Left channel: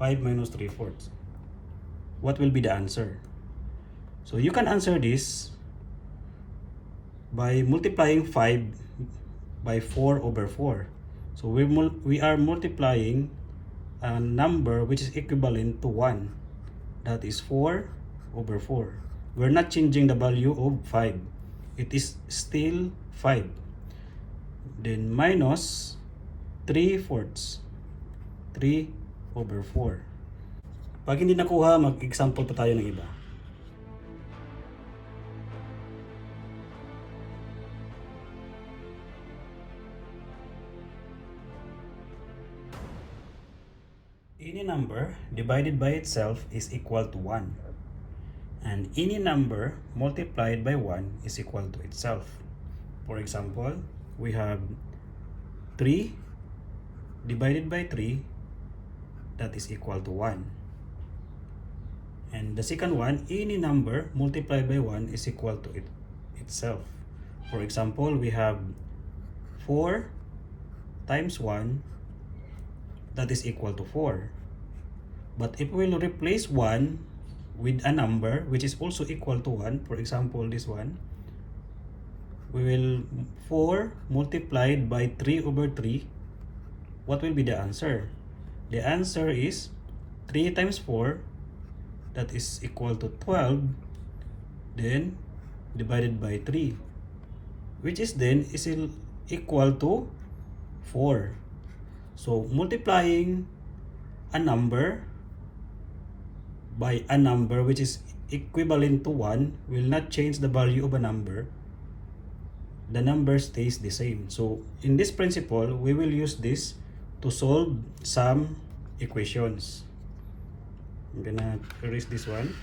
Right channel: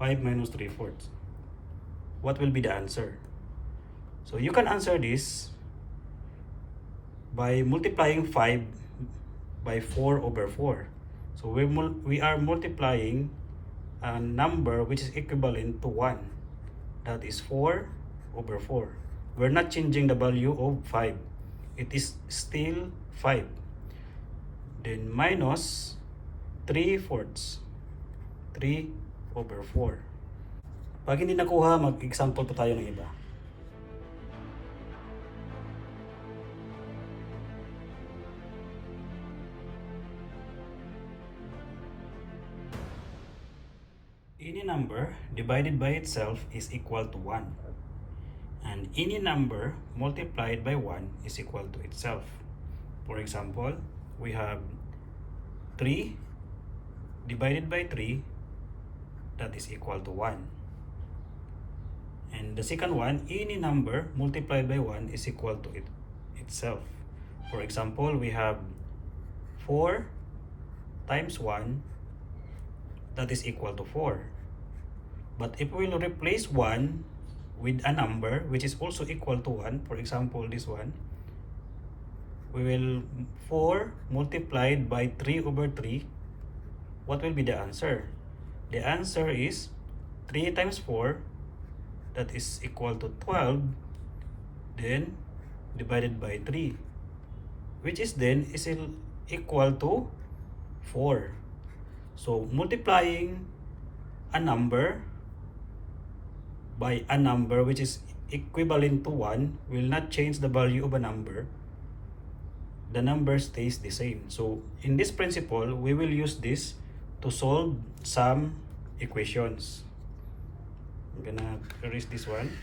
5 minus 3/4. What will be the answer? So you can answer this by multiplying 5 by 4 over 4. So we are multiplying a number which is equivalent to 1. That is 4 over 4. We're not changing the value of 5. It is still 5. Then minus 3/4. 3 over 4. Pag hindi nakuha, mag-example pa tayo ng iba. Any number divided by itself is equal to 1. And any number multiplied by 1 is equal to itself. For example, we have 3 divided by 3, that is equal to 1. And the second one, any number multiplied by 1 is equal to itself. For example, we have 4 times 1, that is equal to 4. But if we will replace 1 with a number which is also equal to 1, for example this one, we will 4 multiplied by 3 over 3. What will be the answer? The answer is 3 times 4, that is equal to 12, then divided by 3, which is then is equal to 4. So multiplying a number by a number which is equivalent to 1 will not change the value of a number. The number stays the same. So in this principle, we will use this to solve some equations. I'm gonna erase this one.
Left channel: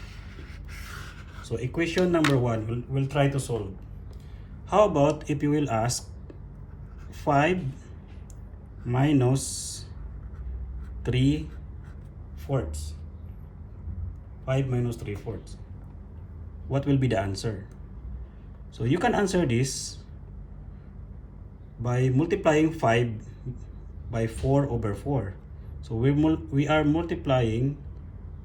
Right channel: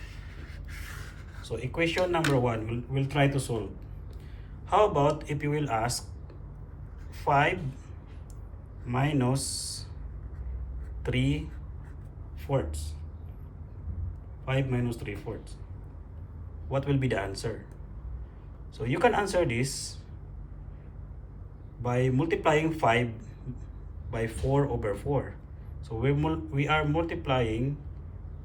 So equation number 1, we'll try to solve. How about if you will ask 5 minus 3/4? 5 minus 3/4. What will be the answer? So you can answer this by multiplying 5 by 4 over 4. So we are multiplying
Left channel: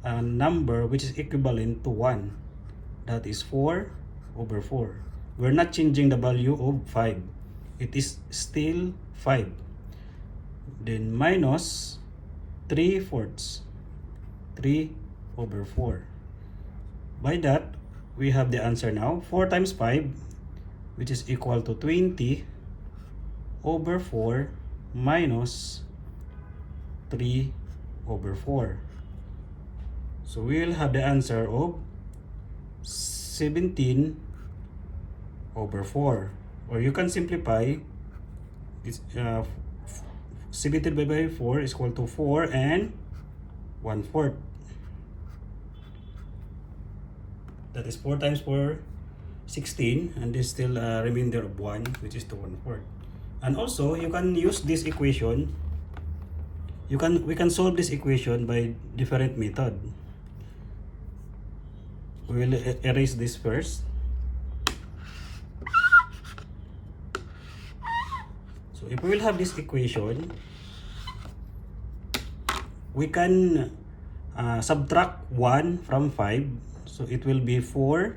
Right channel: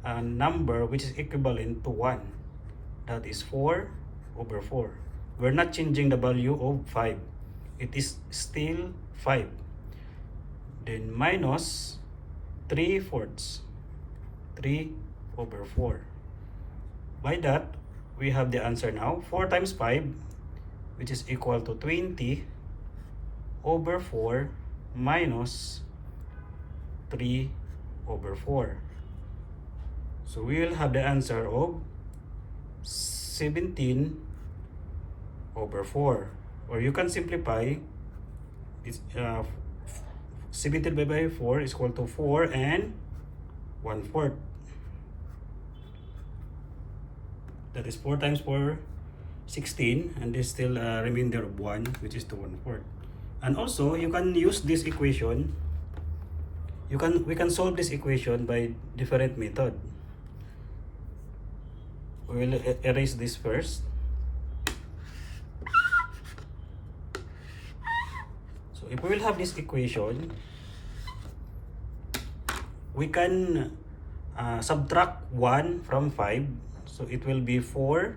a number which is equivalent to 1. That is 4 over 4. We're not changing the value of 5. It is still 5. Then minus 3/4. 3 over 4. By that, we have the answer now. 4 times 5, which is equal to 20 over 4 minus 3 over 4. So we will have the answer of 17 over 4. Or you can simplify this, 17 by 4 is equal to 4 and 1/4. That is 4 times 4, 16, and there's still a remainder of 1, which is the 1/4. And also, you can use this equation. We can solve this equation by different method. We will erase this first. So if we will have this equation, we can subtract 1 from 5. So it will be 4.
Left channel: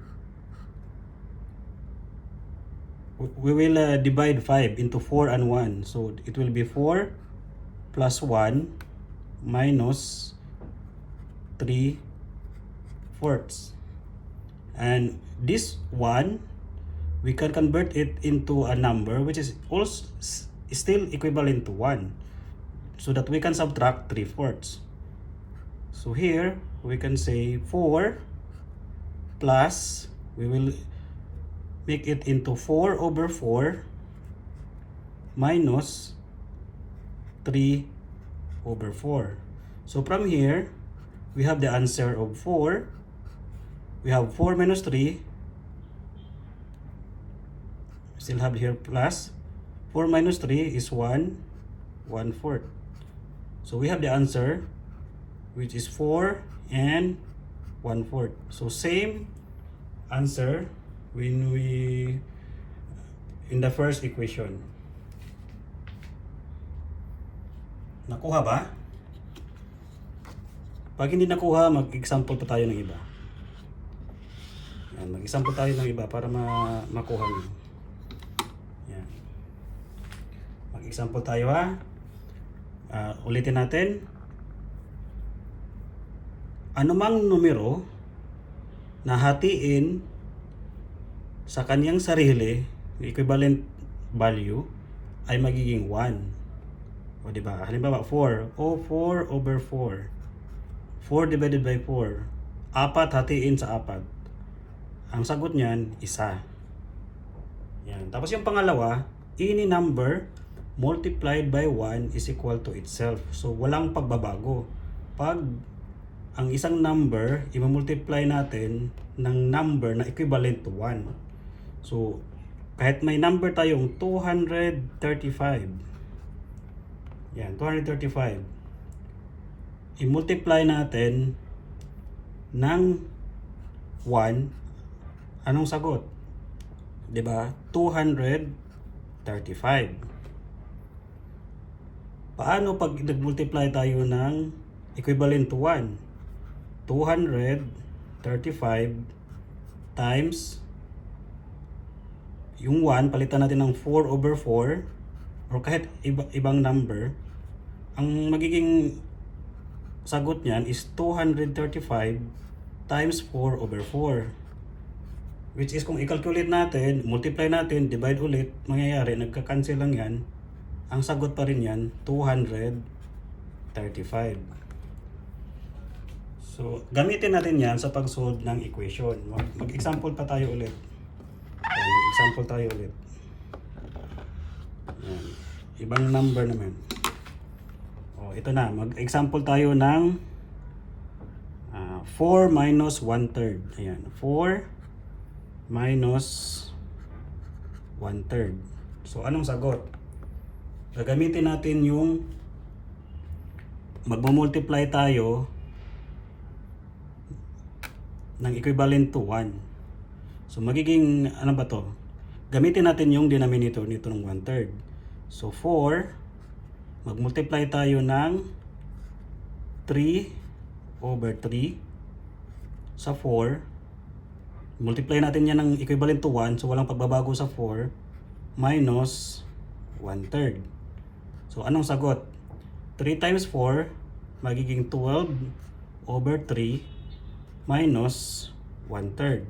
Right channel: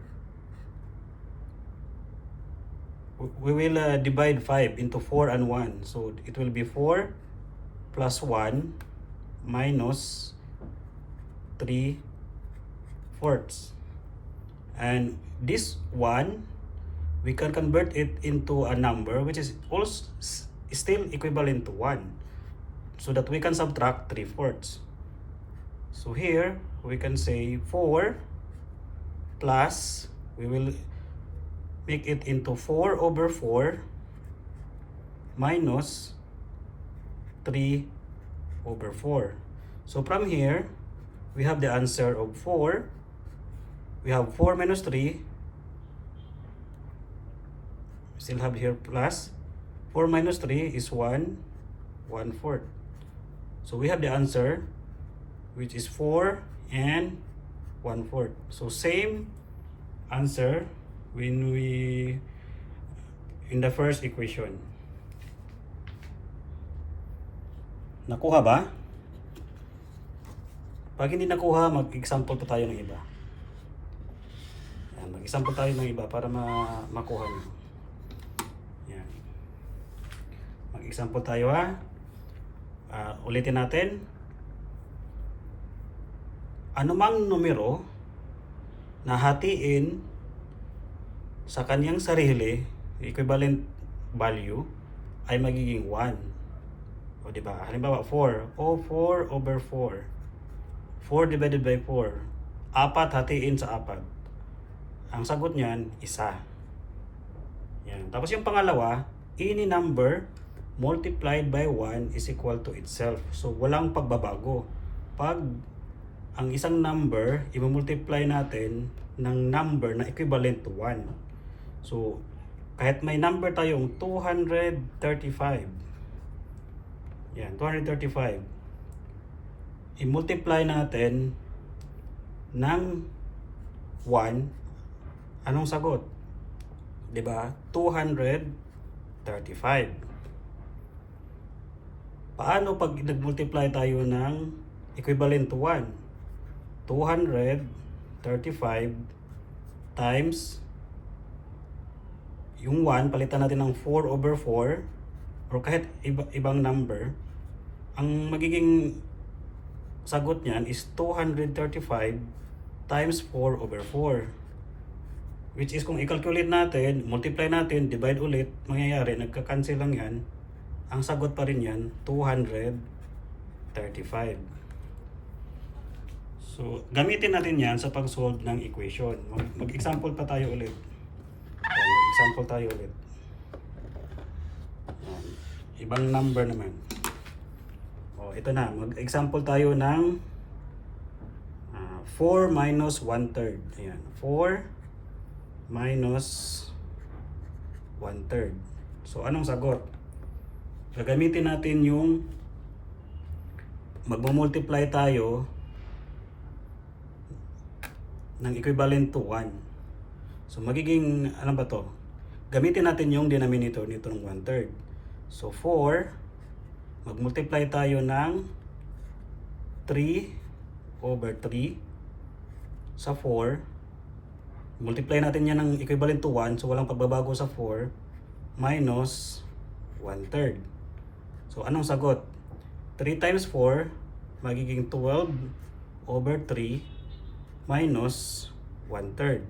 We will divide 5 into 4 and 1. So it will be 4 plus 1 minus 3/4. And this 1, we can convert it into a number which is also still equivalent to 1. So that we can subtract 3/4. So here, we can say 4 plus, we will make it into 4 over 4 minus 3 over 4. So from here, we have the answer of 4. We have 4 minus 3. Still have here plus. 4 minus 3 is 1, 1/4. So we have the answer, which is 4 and 1/4. So same answer when we in the first equation. Nakuha ba? Pag hindi nakuha, mag-example pa tayo ng iba. Mag-example tayo ng iba para makuha nyo. Yan. Mag-example tayo ha. Ulitin natin. Anumang numero na hatiin sa kanyang sarili, equivalent value, ay magiging 1. O diba? Halimbawa 4. 4 over 4. 4 divided by 4. 4 hatiin sa 4. Ang sagot niyan, 1. Yan. Tapos yung pangalawa, any number multiplied by 1 is equal to itself. So walang pagbabago. Pag ang isang number, i-multiply natin ng number na equivalent to 1. So kahit may number tayong 235. Yan, 235. I-multiply natin ng 1. Anong sagot? 'Di ba? 235. Paano pag nag-multiply tayo ng equivalent to 1? 235 times yung 1, palitan natin ng 4 over 4 or kahit ibang number. Ang magiging sagot niyan is 235 times 4 over 4. Which is kung i-calculate natin, multiply natin, divide ulit, mangyayari, nagka-cancel lang yan. Ang sagot pa rin yan, 235. So, gamitin natin yan sa pag-solve ng equation. Mag-example pa tayo ulit. Mag-example tayo ulit. Yan. Ibang number naman. Ito na, mag-example tayo ng 4 minus 1/3. Ayan, 4 minus 1/3. So, anong sagot? Gagamitin natin yung magmumultiply tayo ng equivalent to 1. So, magiging, ano ba to? Gamitin natin yung denominator nito ng 1/3. So, 4, mag-multiply tayo ng 3 over 3 sa 4. Multiply natin yan ng equivalent to 1, so walang pagbabago sa 4, minus 1/3. So, anong sagot? 3 times 4, magiging 12 over 3 minus 1/3.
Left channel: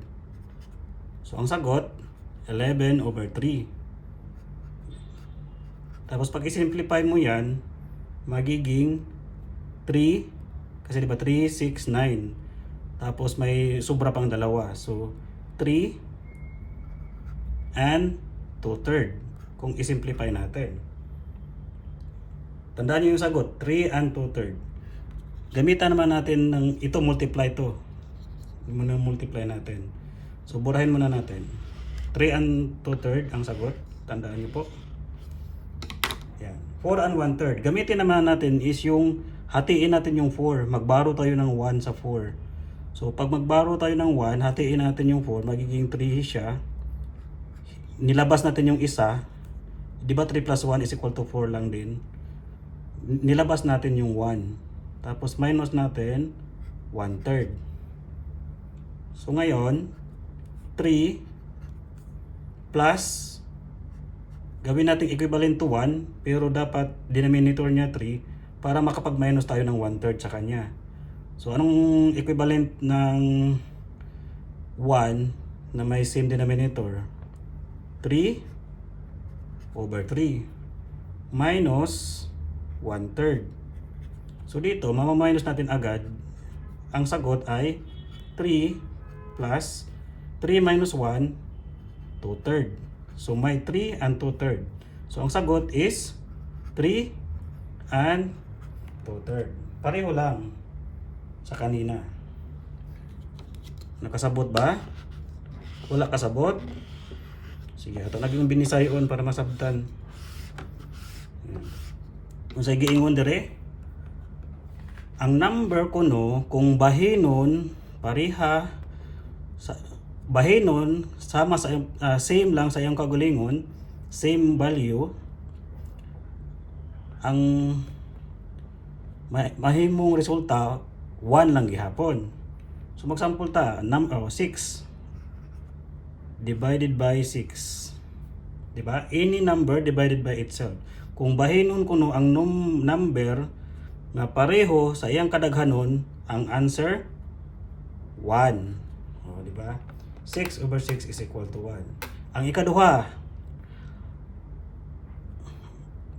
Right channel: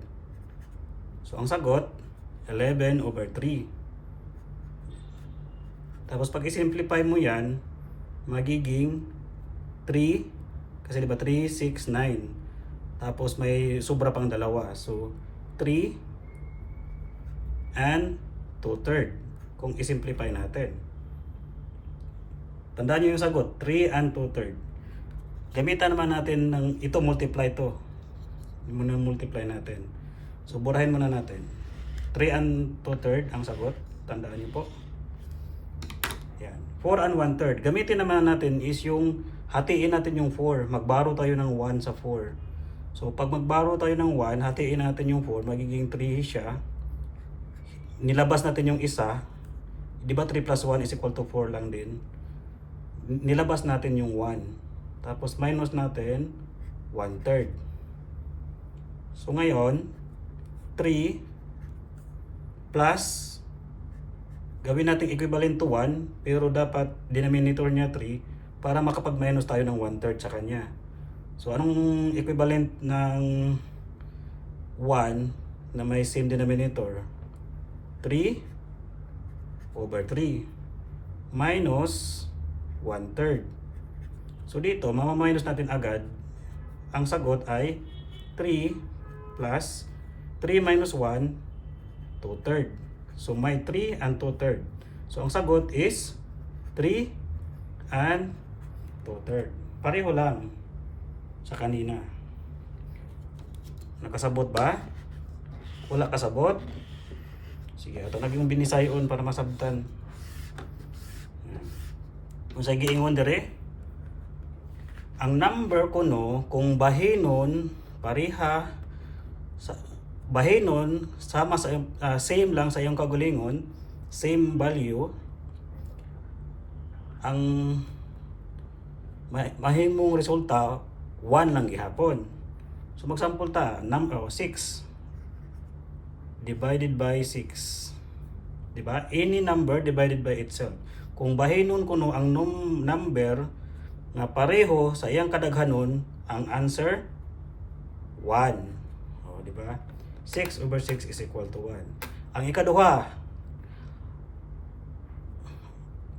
So, ang sagot, 11 over 3. Tapos, pag i-simplify mo yan, magiging 3, kasi diba 3, 6, 9. Tapos, may sobra pang dalawa. So, 3 and 2/3 kung i-simplify natin. Tandaan nyo yung sagot, 3 and 2/3. Gamitan naman natin ng ito, multiply to. Multiply natin. So, burahin muna natin. 3 and 2/3 ang sagot. Tandaan nyo po. Yan. 4 and 1/3. Gamitin naman natin is yung hatiin natin yung 4. Magbaro tayo ng 1 sa 4. So, pag magbaro tayo ng 1, hatiin natin yung 4. Magiging 3 siya. Nilabas natin yung isa. Di ba 3 plus 1 is equal to 4 lang din? Nilabas natin yung 1. Tapos minus natin 1/3. So ngayon, 3 plus, gawin natin equivalent to 1, pero dapat denominator niya 3 para makapag-minus tayo ng 1/3 sa kanya. So anong equivalent ng 1 na may same denominator? 3 over 3 minus 1/3. So dito, mamaminus natin agad. Ang sagot ay 3 plus 3 minus 1, 2/3. So may 3 and 2/3. So ang sagot is 3 and 2/3. Pareho lang sa kanina. Nakasabot ba? Wala kasabot? Sige, ito naging binisayon para masabtan. Kung sa giingon dire, ang number kuno kung bahinon pareha sa bahinon sama sa same lang sa iyong kagalingon, same value, ang mahimong resulta 1 lang gihapon. So magsample ta, 6 divided by 6. Diba? Any number divided by itself. Kung bahinon kuno ang number na pareho sa iyang kadaghanon, ang answer 1. O, diba? 6 over 6 is equal to 1. Ang ikaduha,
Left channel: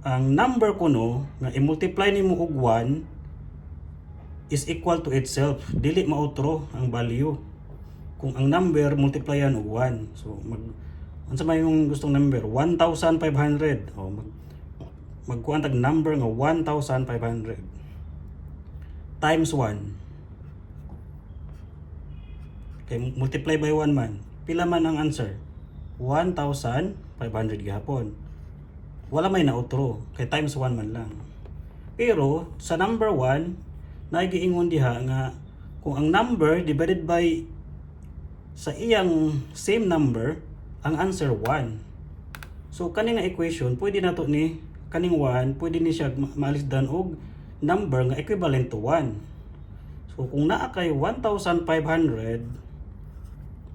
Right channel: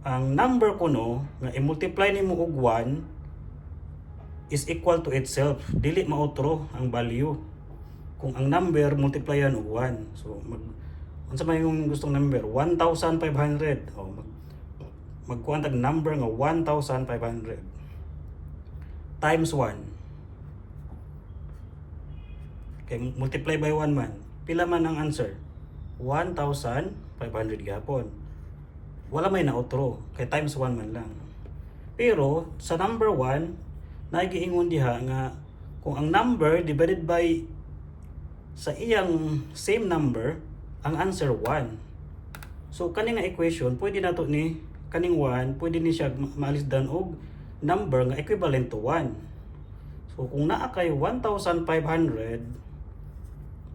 ang number kuno nga i-multiply nimo og 1 is equal to itself. Dili mautro ang value kung ang number multiplyan og 1. So unsa may yung gustong number? 1,500. O magkuha tag number nga 1,500 times 1. Okay, multiply by 1 man. Pila man ang answer? 1,500 gihapon. Wala may nautro kay times 1 man lang. Pero sa number 1 nagiingon diha nga kung ang number divided by sa iyang same number, ang answer 1. So kaning equation pwede nato ni kaning 1 pwede ni siya maalisdan og number nga equivalent to 1. So kung naa kay 1,500,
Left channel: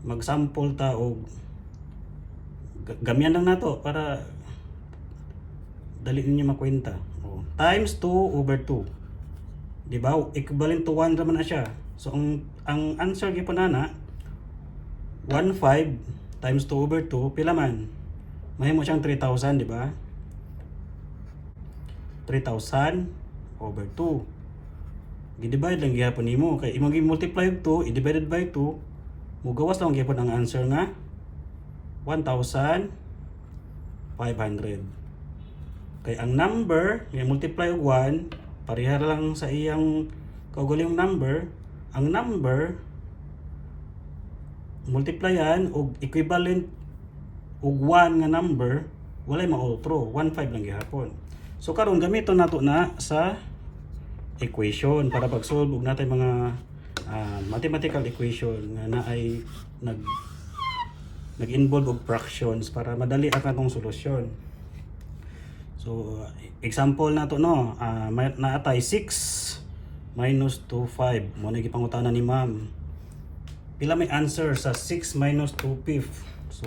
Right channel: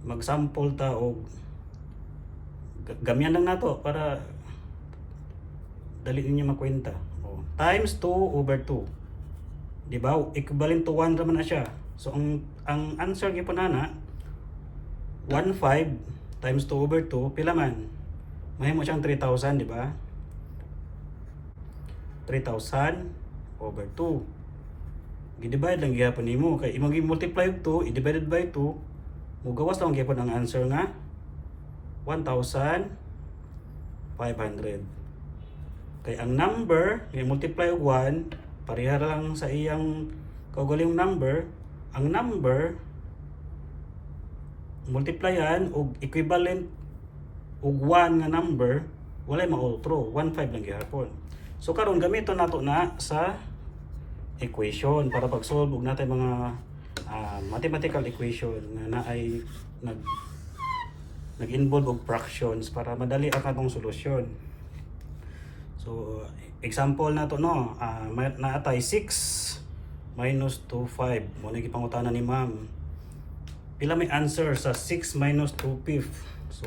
magsample ta og gamyan lang nato para dali ninyo makwenta. Times 2 over 2. Diba? Equivalent to 1 naman na siya. So ang answer gyapon ana 1,500 times 2 over 2 pila man? Mahimo siyang 3,000, di ba? 3,000 over 2. Gi-divide lang gyapon nimo kay imong gi-multiply og 2, i-divided by 2, mugawas lang gyapon ang answer nga 1,500. Kay ang number i-multiply og 1, pareha lang sa iyang kaugalingong number, ang number multiplyan og equivalent og 1 nga number, walay mautro, 1,500 lang gihapon. So karon gamiton nato na sa equation para pag-solve og natin mga mathematical equation nga naay nag-involve og fractions para madali ang atong solusyon. So example nato no, naatay 6 minus 2/5. Mo na gipangutana ni ma'am. Pila may answer sa 6 minus 2/5. So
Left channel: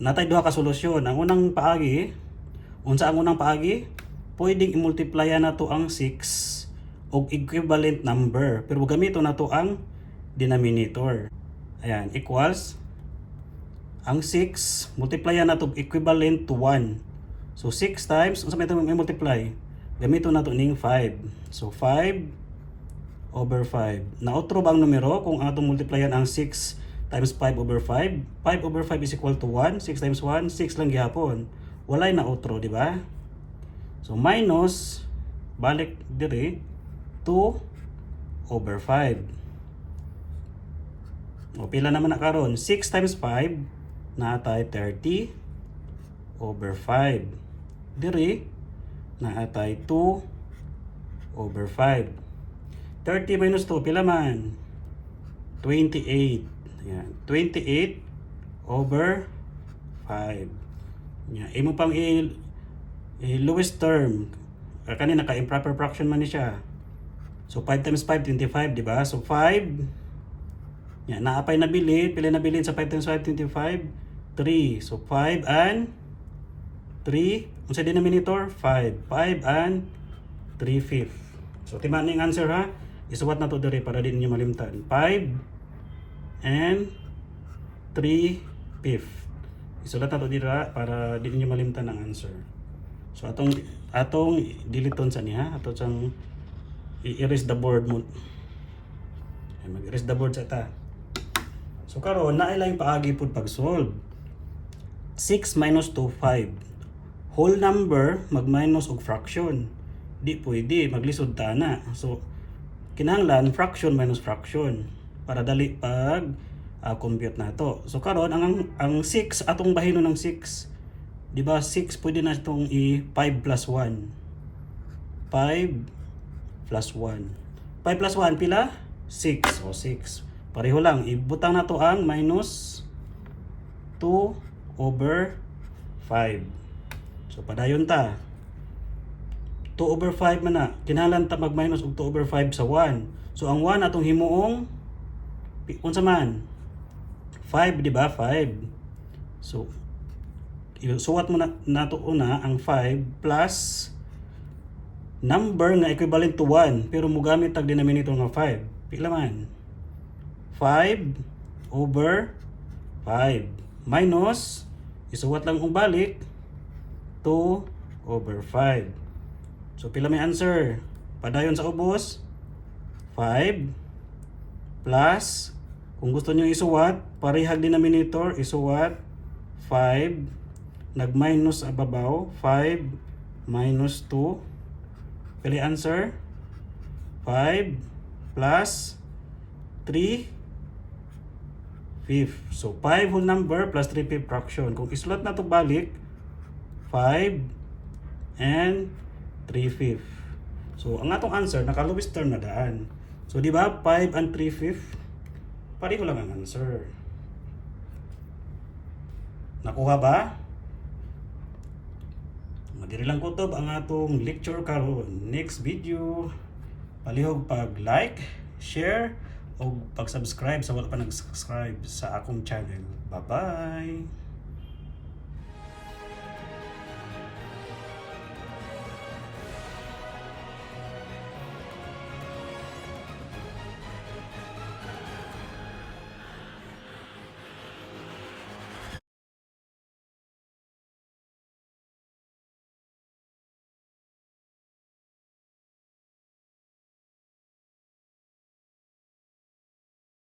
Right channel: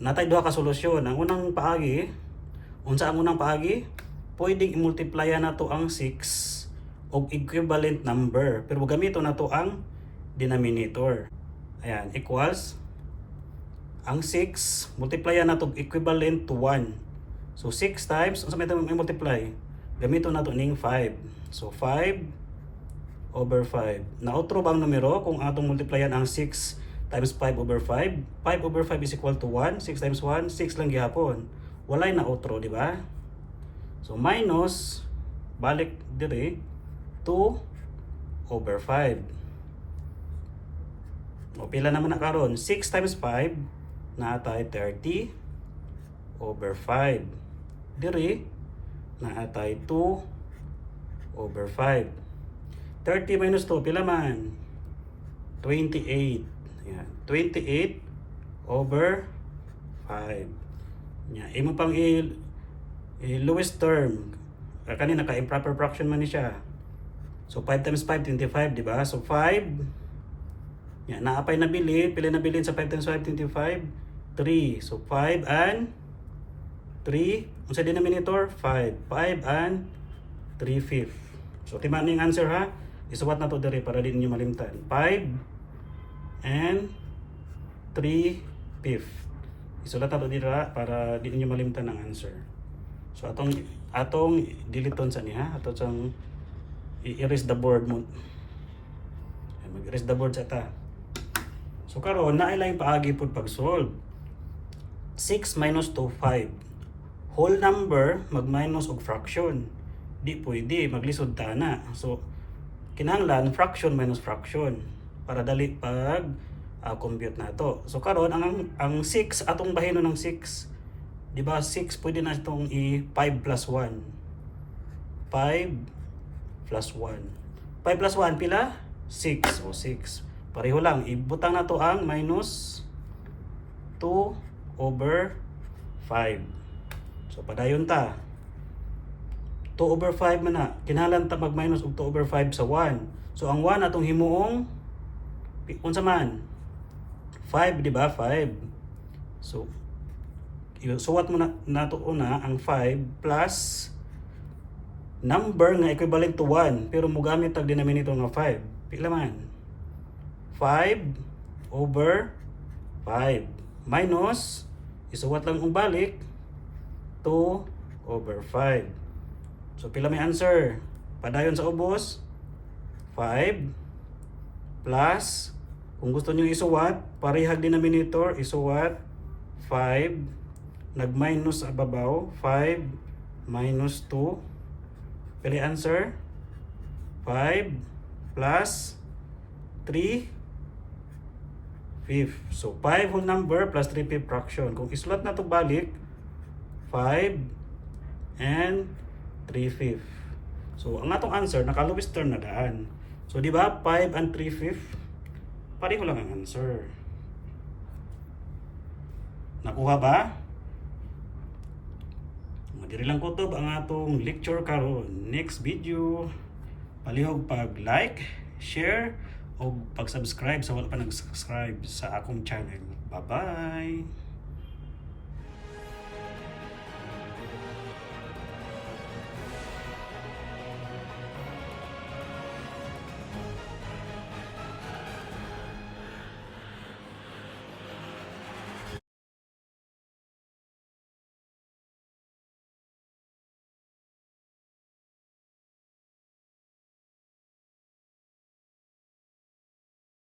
natay duha ka solusyon. Ang unang paagi, unsa ang unang paagi? Pwedeng i-multiplyan nato ang 6 og equivalent number, pero gamito nato ang denominator. Ayan, equals ang 6 multiplyan nato equivalent to 1. So 6 times unsa may multiply? Gamito nato ning 5. So 5 over 5. Nautro bang numero kung atong multiplyan ang 6 times 5 over 5? 5 over 5 is equal to 1. 6 times 1, 6 lang gihapon. Walay na outro, di ba? So minus, balik dire, 2 over 5. O pila naman na karon? 6 times 5, naatay 30 over 5. Dire, naatay 2 over 5. 30 minus 2, pila man? 28. Yan. 28 over 5. Yan. Imo pang lowest term. Kanina ka-improper fraction man ni siya. So 5 times 5, 25, di ba? So 5. Yan. Naapay na bilin. Pila na bilin sa 5 times 5, 25? 3. So 5 and 3. Unsa denominator? 5. 5 and 3/5. So timaan ning answer ha. Isuwat na to dire para di ninyo malimtan. 5 and 3/5. Isulat na to dire para di ninyo malimtan ang answer. So atong diliton sa niya, ato sang i-erase the board mo. Mag-erase the board sa ta. So karon naay laing paagi pud pag-solve. 6 minus 2, 5. Whole number mag-minus og fraction. Di pwede, maglisod ta na. So kinahanglan fraction minus fraction para dali pag compute nato. So karon ang 6 atong bahinon ng 6. Di ba 6 pwede na itong i-5 plus 1. 5 plus 1. 5 plus 1 pila? 6. O 6. Pareho lang. Ibutang na to ang minus 2 over 5. So padayon ta. 2 over 5 man na. Kinahanglan ta mag-minus og 2 over 5 sa 1. So ang 1 atong himuong unsa man? 5, di ba? 5. So suwat mo na nato una ang 5 plus number nga equivalent to 1 pero mo gamit tag denominator nga 5. Pila man? 5 over 5 minus isuwat lang kung balik 2 over 5. So pila may answer? Padayon sa ubos 5 plus kung gusto niyo isuwat parehag denominator isuwat 5 nag-minus ababaw 5 minus 2 pili answer 5 plus 3 fifth. So 5 whole number plus 3 fifth fraction. Kung isulat na to balik 5 and 3 fifth. So ang atong answer naka lowest term na daan. So di ba 5 and 3 fifth pareho lang ang answer. Nakuha ba? Madiri lang kutob ang atong lecture karon. Next video, palihog pag-like, share, o pag-subscribe sa wala pa nag-subscribe sa akong channel. Bye-bye!